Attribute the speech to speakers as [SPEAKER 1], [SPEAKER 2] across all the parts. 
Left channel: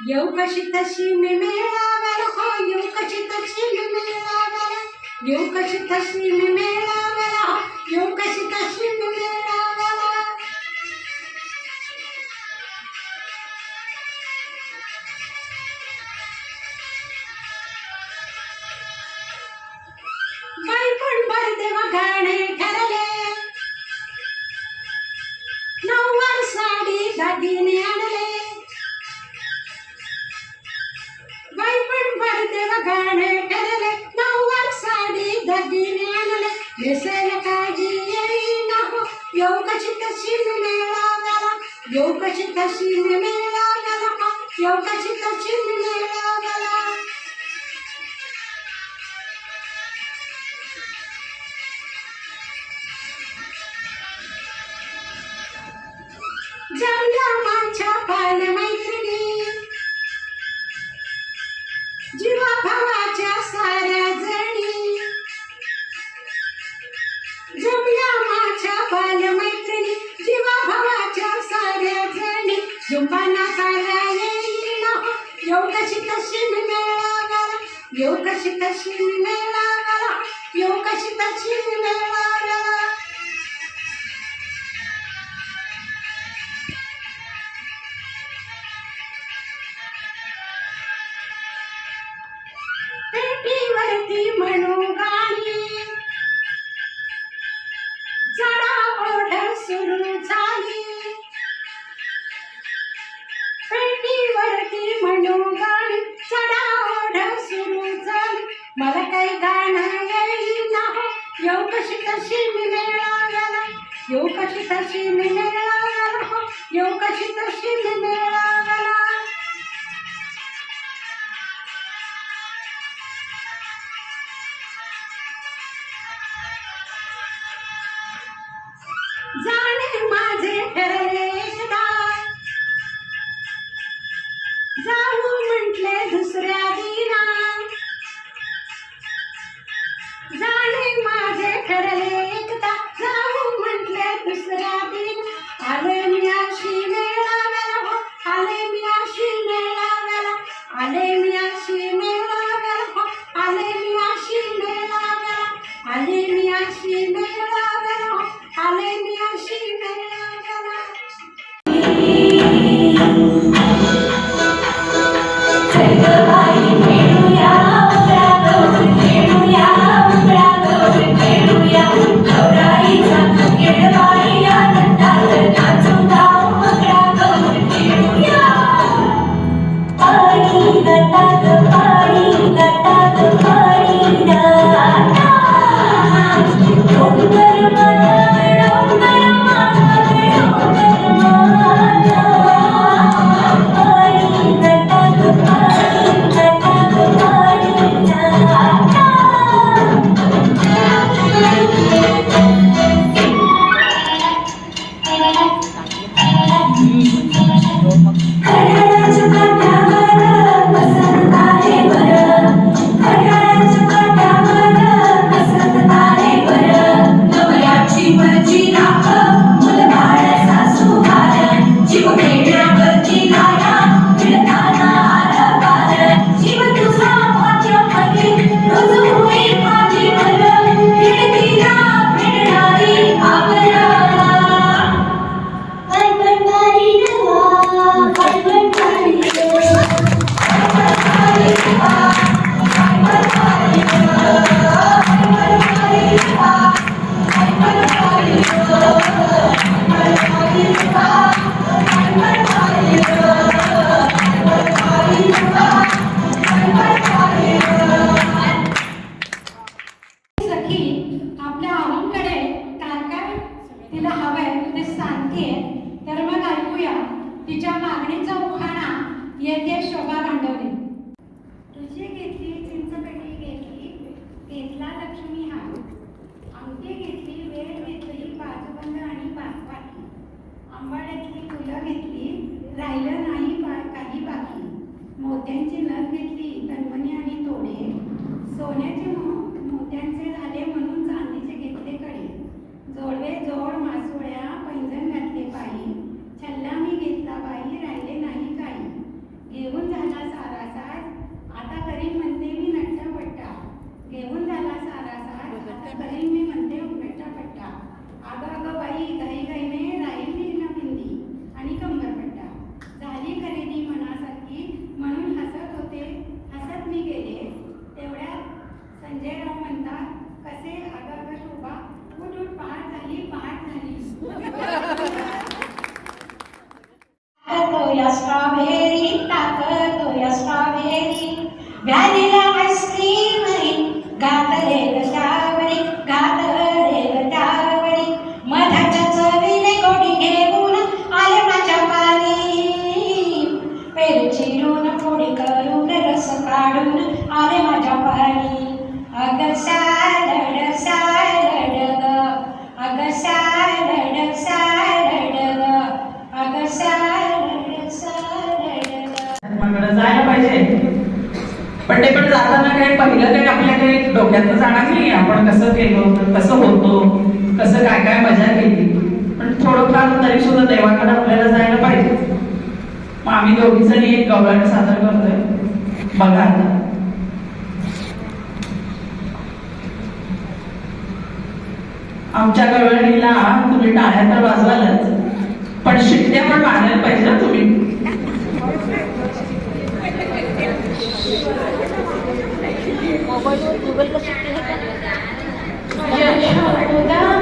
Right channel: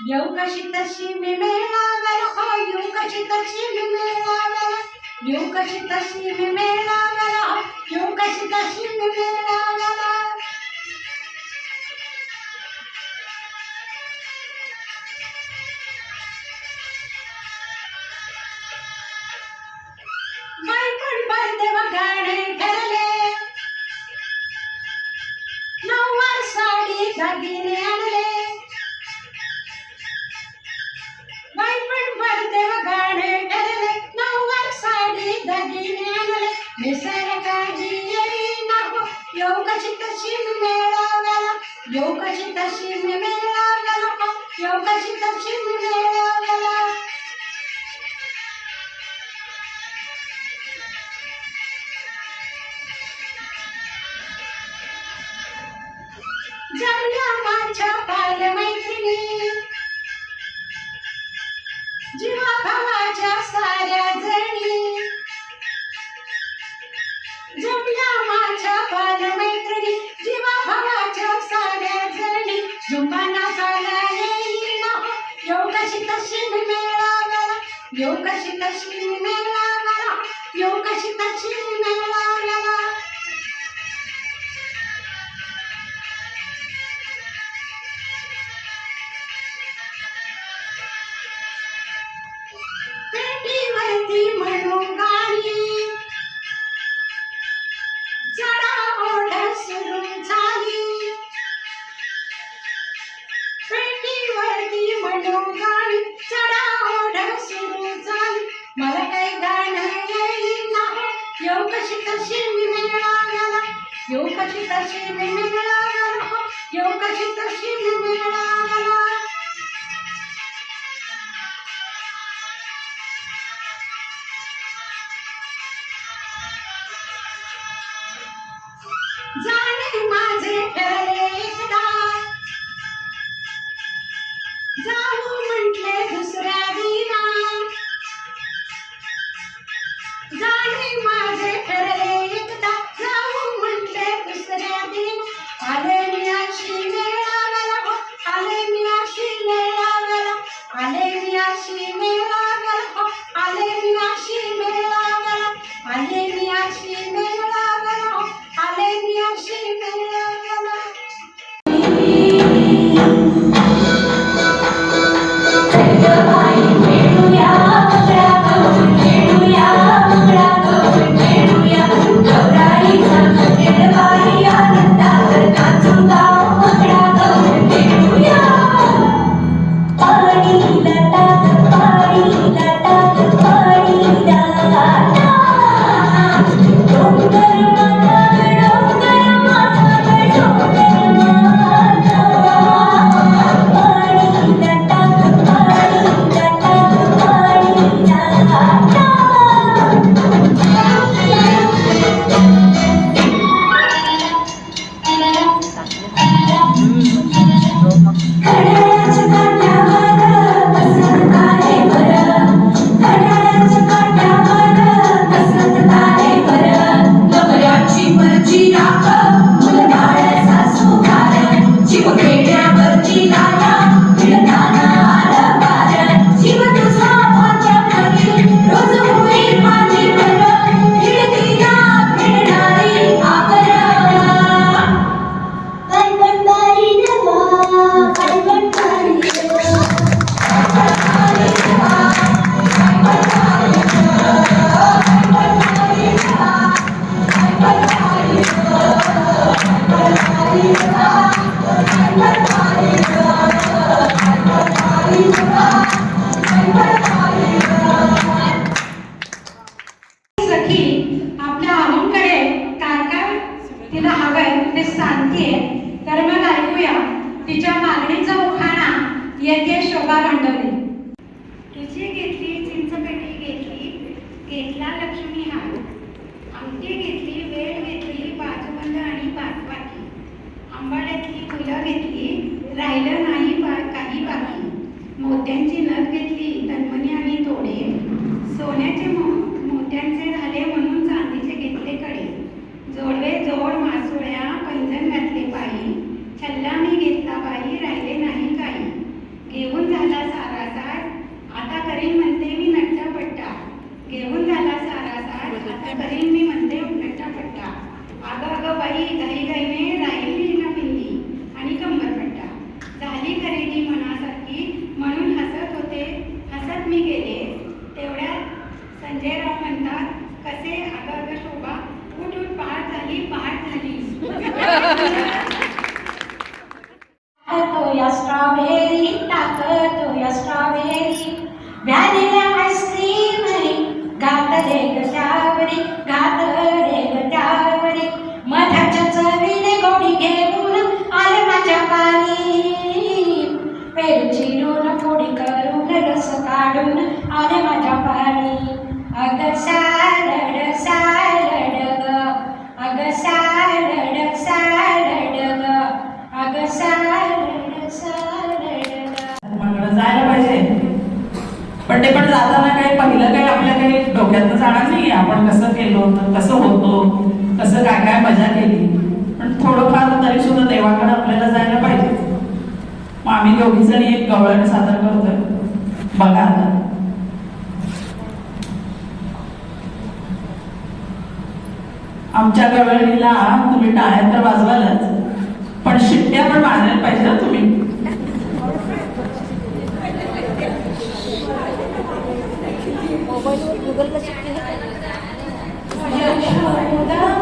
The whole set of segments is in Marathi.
[SPEAKER 1] येऊ कशी तशी मी मेळाव्याला? हो येऊ तशी मी मेळाव्याला? येऊ तशी मी मेळाव्याला? हो येऊ तशी मी मेळाव्याला? തലമൈ तशी मिळणार येऊ कशी तशी मिळणार येऊ कशी तशी मिळणार ते पण
[SPEAKER 2] जाताना काय पहिलं काही आपल्या काही डोक्यातनं जाणार नाही. आपण कसं केलो कसं होतो कसं काय काय मजा केली. पण थोडंफार तरी सुद्धा देवाकडे आपल्याला जायला पाहिजे. मग आम्ही दोघी जणी एक गौरण सादर करतोय. बघा आमच्या गवळणीला तुम्ही टाळ्या तर वाजवालच. पण शिट्ट्या पण मारायला पाहिजे तुम्ही. गूगल कर सकते हैं क्या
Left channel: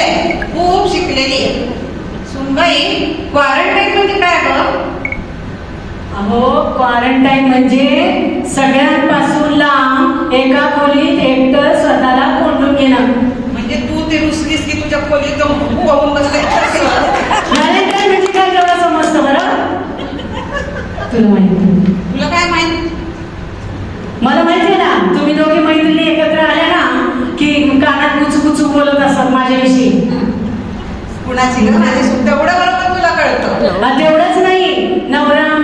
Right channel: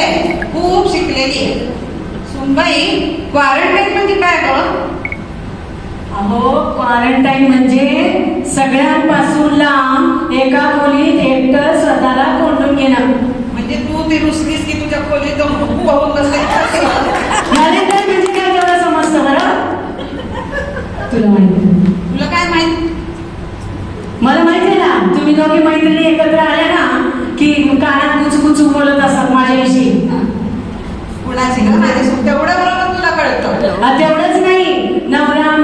[SPEAKER 2] आहे खूप शिकलेली आहे सुनबाई क्वारंटाईन म्हणजे काय अगं अहो
[SPEAKER 3] क्वारंटाईन म्हणजे सगळ्यांपासून लांब एका खोलीत एकट स्वतःला कोंडून घेणार
[SPEAKER 4] म्हणजे तू ते रुसलीस की तुझ्या खोलीत जाऊन
[SPEAKER 3] बसले? म्हणजे काय तेव्हा समजतं बरं? तुला माहिती
[SPEAKER 4] तुला काय माहिती?
[SPEAKER 3] मला माहिती आहे ना तुम्ही दोघे मैत्रिणी एकत्र आल्या ना की कानात कुचकुचू बोलत असत माझ्याविषयी?
[SPEAKER 4] कुणाची ग? माझी तेवढं बरोबर तुला कळतं.
[SPEAKER 3] तेवढंच नाही. नवरा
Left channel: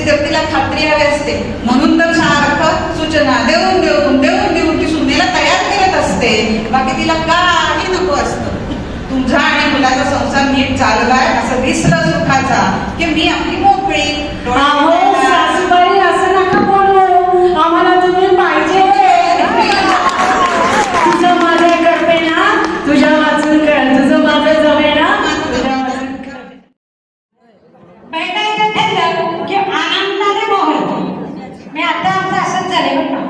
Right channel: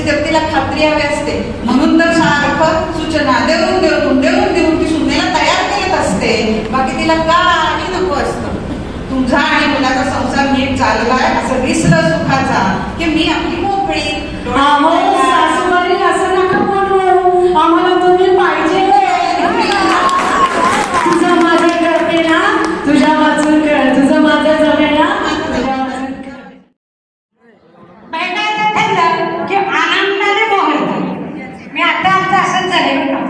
[SPEAKER 4] याचीच तर तिला खात्री हवी असते. म्हणून तर सारखं सूचना देऊन देऊन देऊन देऊन ती सुनेला तयार करत असते. बाकी तिला काही नको असतं. तुझा आणि मुलाचा संसार नीट चाललाय असं दिसलं सुखाचा. की मी आपली मोकळी डोळे
[SPEAKER 3] अहो
[SPEAKER 4] मिटायला-
[SPEAKER 3] सासूबाई असं नका बोलू आम्हाला तुम्ही पाहिजे तुझं माझे करते ना तुझ्या वाचून कर तुझं माझं जमे ना तुझ्या वाचून कर.
[SPEAKER 1] बैलाचं ठरलं की आनंदाने मोहरतं मी आता आमचं असंच झालं बरं का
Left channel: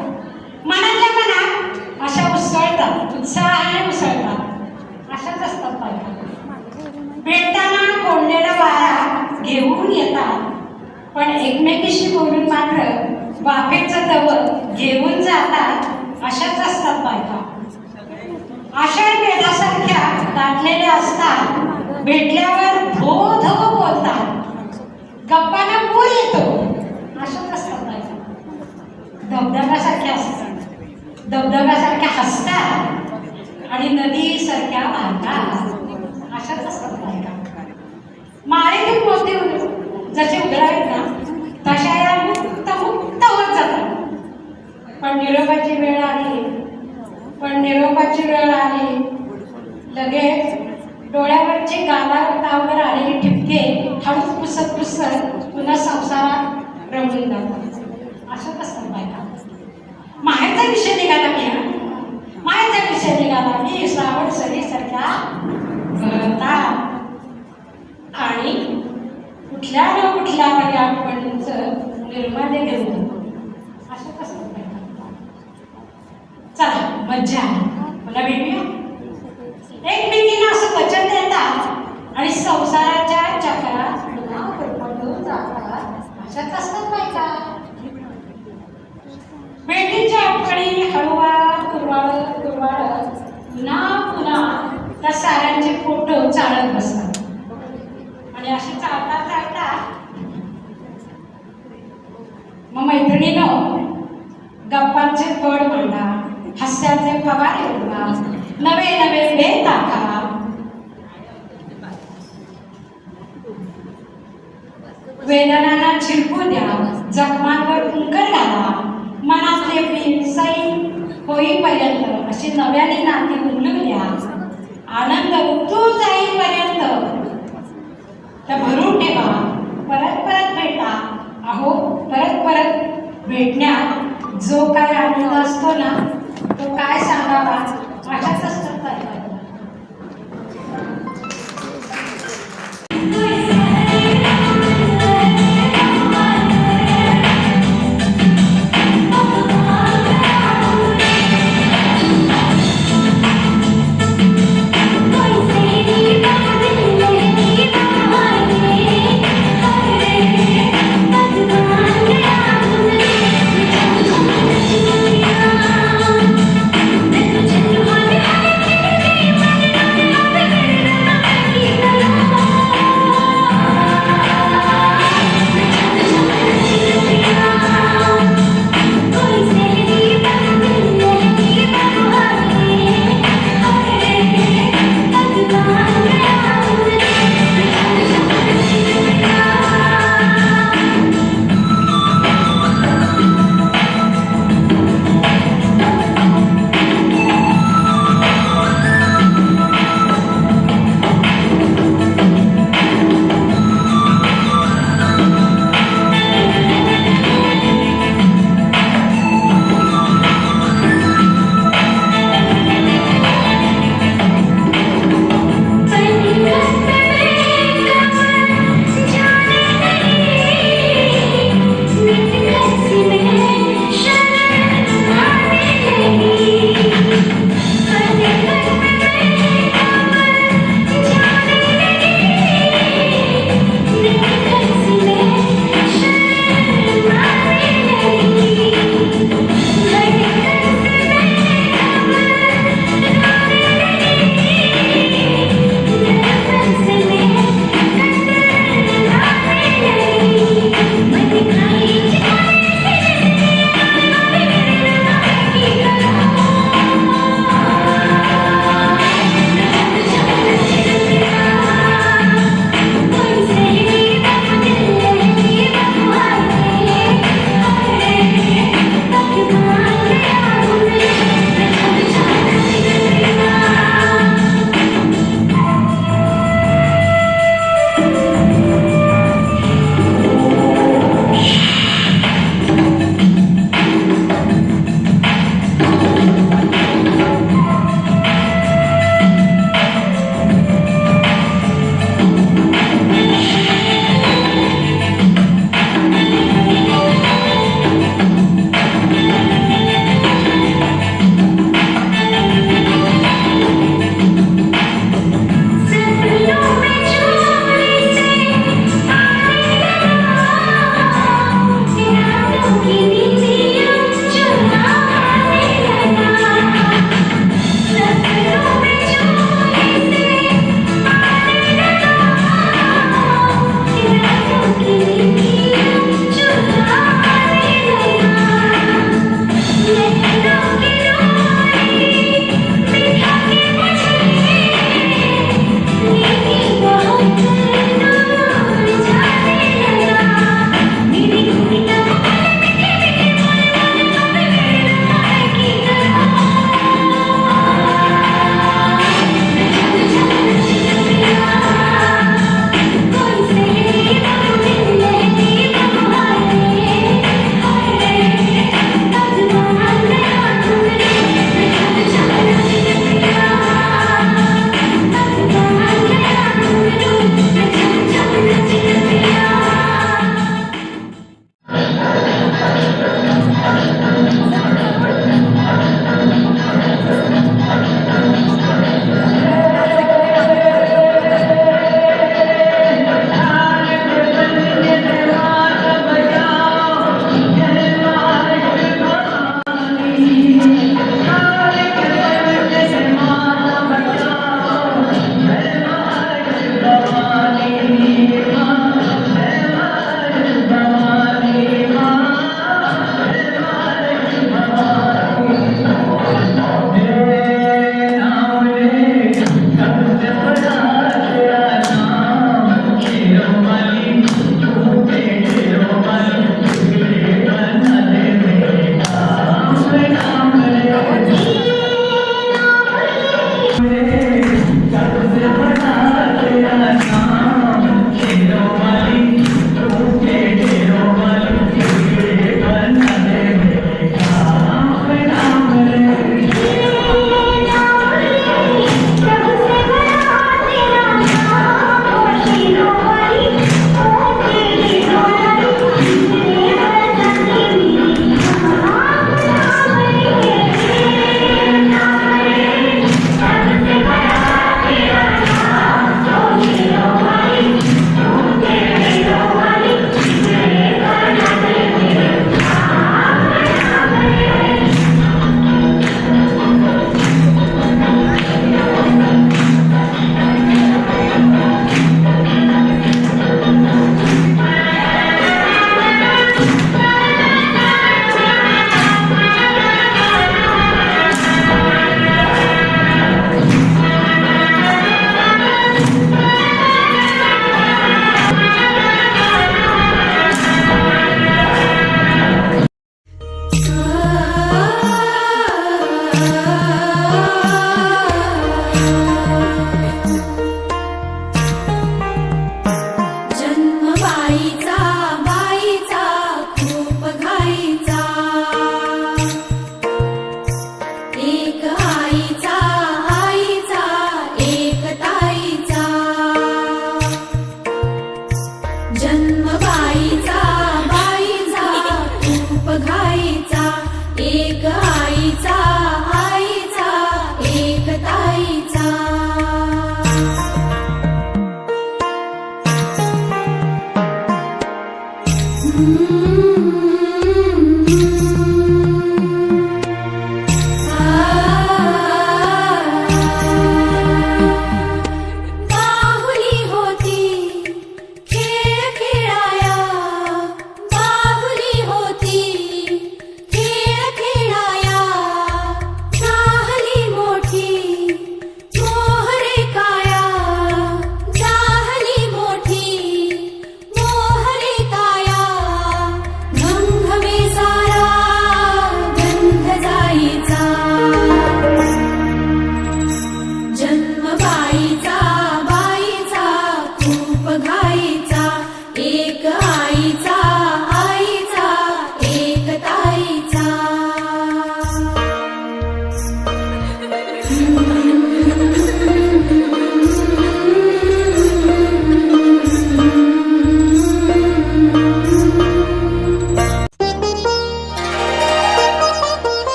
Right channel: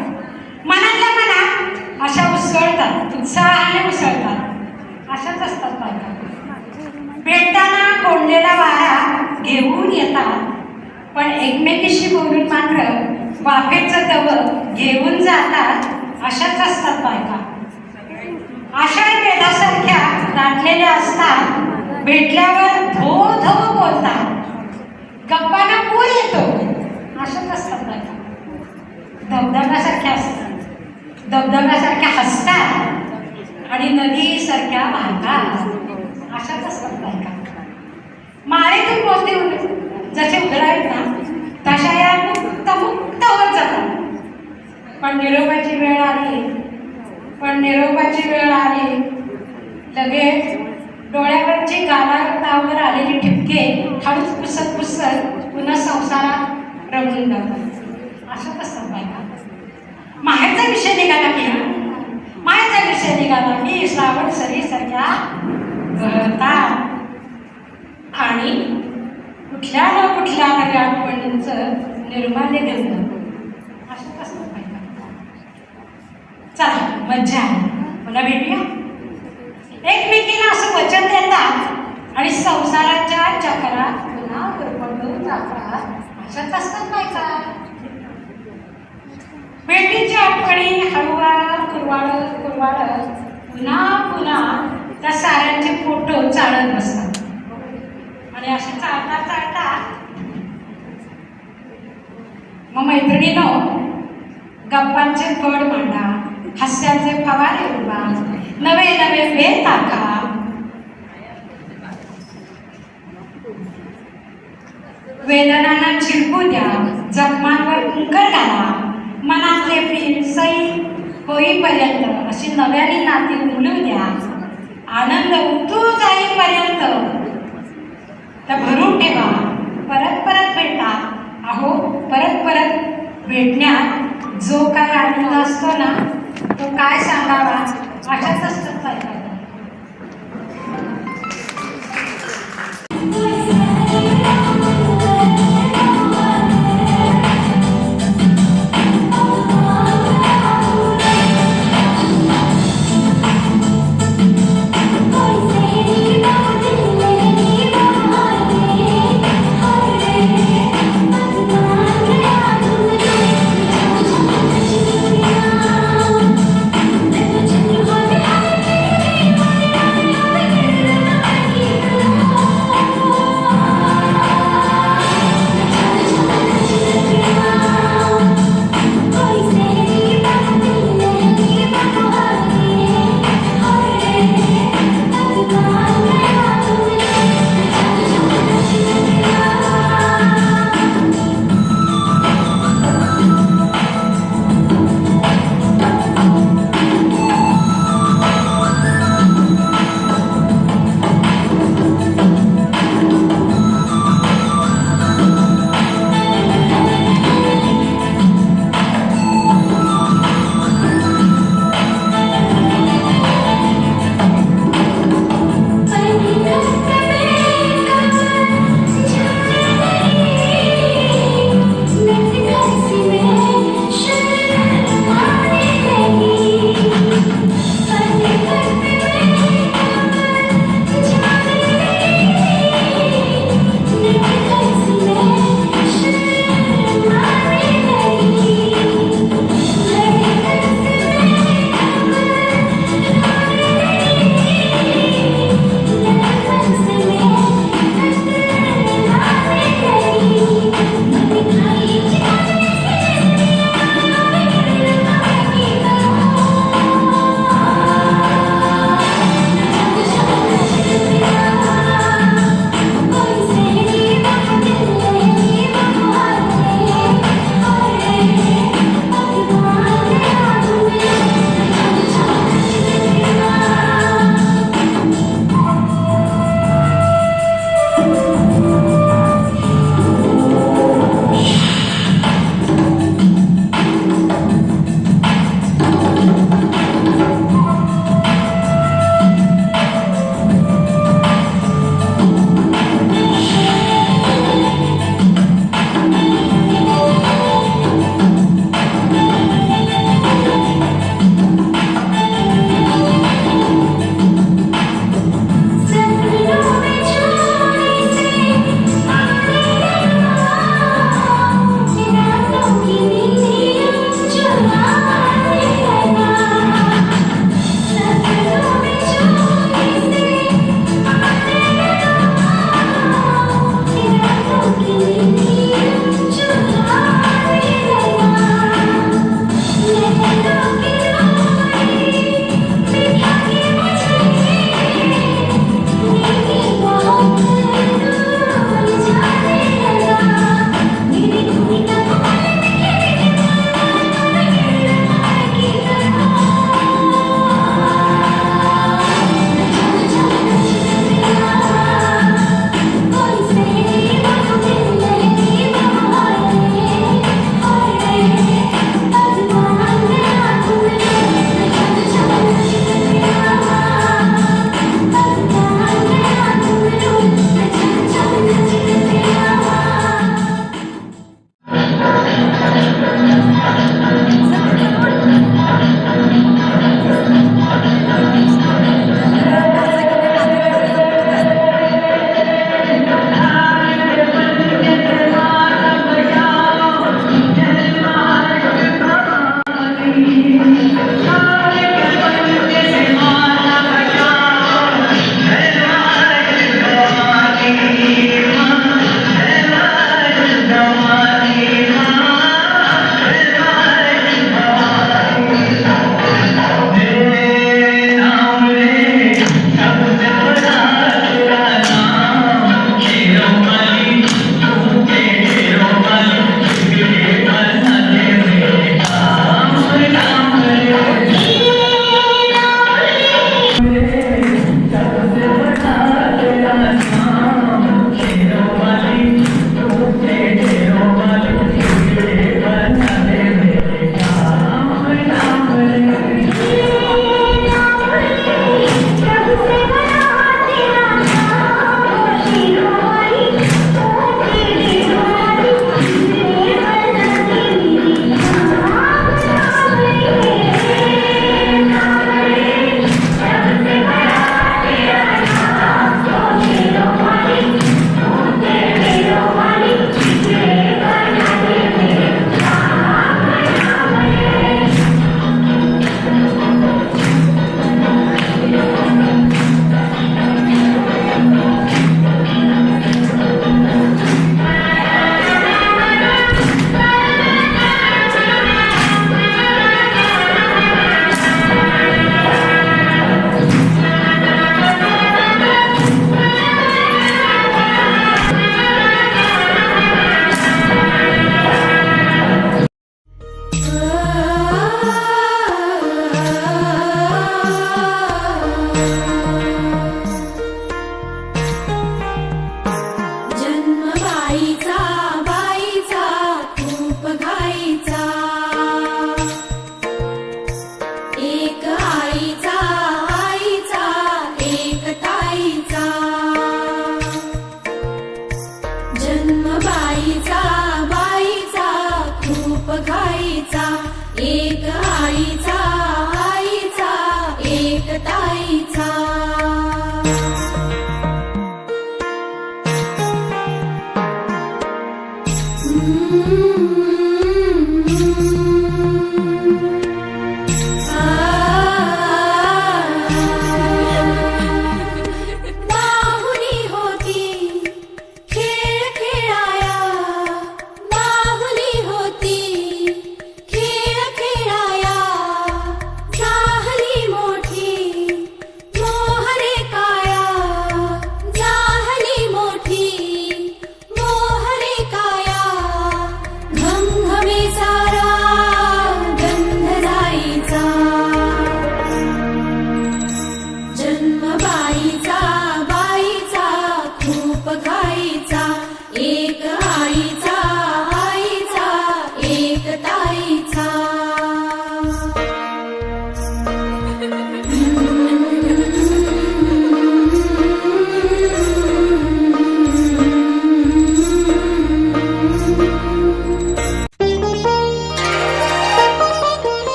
[SPEAKER 1] मनातल्या मनात अशा उसळतात उत्साहाने उसळतात अशाच असतात बायका भेटताना कोंडलेला वारा घेऊन येतात पण एकमेकीशी बोलून मात्र वाफेचं तवं घेऊन जातात अशाच असतात बायका. आषाढ मेघासारख्या दाटलेल्या असतात. भेटल्यावर धो धो बोलतात. गप्पाना पूर येतो. अशाच असतात बायका. धबधब्यासारख्या असतात. धबधब्यासारख्या हसतात. आणि नदीसारख्या वाहतात. अशाच असतात बायका. माळेतून मोती जसे उघडावेत ना तशा या मुक्त मुक्त होत जातात पण निरोपाची वेळ आली. पण निरोपाची वेळ आली. लगेच डोळ्यावरची गालावर आलेले ठिपके हळूच पुसत पुसत पुन्हा संसारात रमून जातात. असं कसं पाहिजे माहेरचा विषय निघाला मी माहेरचा विषय निघाला मी श्रावण सरीसारख्या गळतात आणि कुठल्या ना कुठल्या तरी आठवणींचं निर्माल्य घेऊन जातो असंच असतात बायका चला मज्जा आहे. पुन्हा भेटूया. एकमेकींना असं वचन देतात आणि संसाराच्या चक्रात पुन्हा गुरफटून जातात अशाच असतात बायका भेटीच्या आठवणी हळूवार कुरवाळत कुरवाळत पुन्हा पुन्हा त्या साऱ्यांचे फोटो चालत बसतात. आणि असे चालता चालता मग मैत्रिणीनं गप्पांचे गड मांडा. हास्याचे फवारे नवे नवे वेळ टाका वेदनांना चिरकू द्या जखमांवर कुंकर घाला मनातले प्रेम सई होईपर्यंत अशी नव्याने नाती उमलू द्या आनंद उतू जाईपर्यंत
[SPEAKER 5] तर भरून ठेवा परत परत भेटा अहो परत परत भेटण्यात जो काय आनंद असतो ना तो काय सांगावा अशाच असतात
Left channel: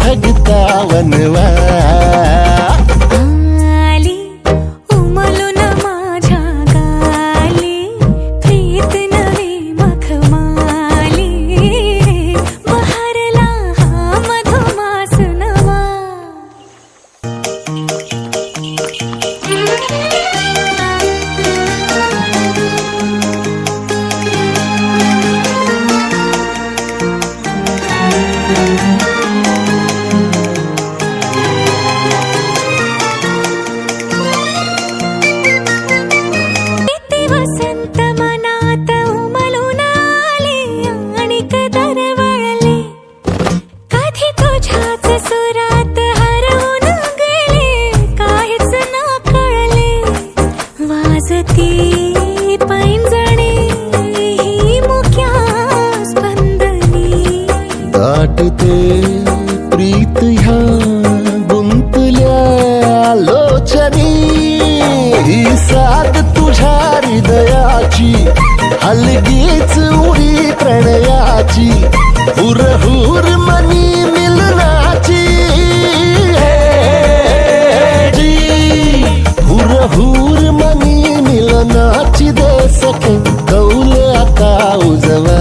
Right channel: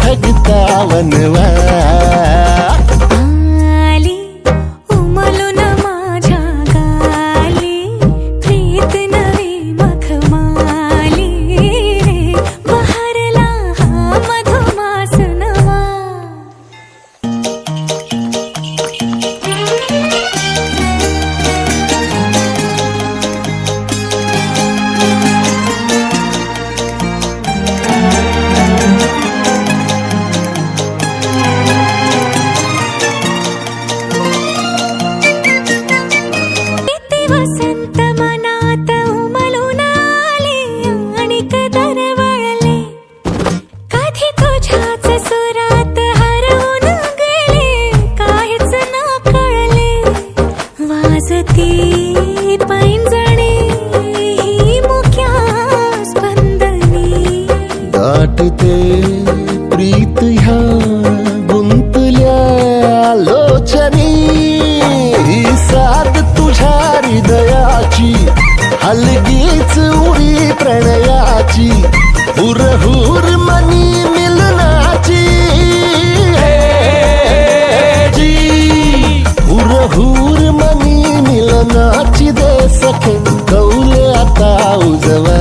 [SPEAKER 6] धग धगता वनवा
[SPEAKER 5] वाजती पैंजणे ही मुख्या स्पंदनी.
[SPEAKER 6] दाटते प्रीत ह्या गुंतल्या लोचनी ही साथ तुझ्या हृदयाची हलगीच उरी प्रणयाची. हुरहुर मनी मिल मनी दे सखे कौल आता उजवा.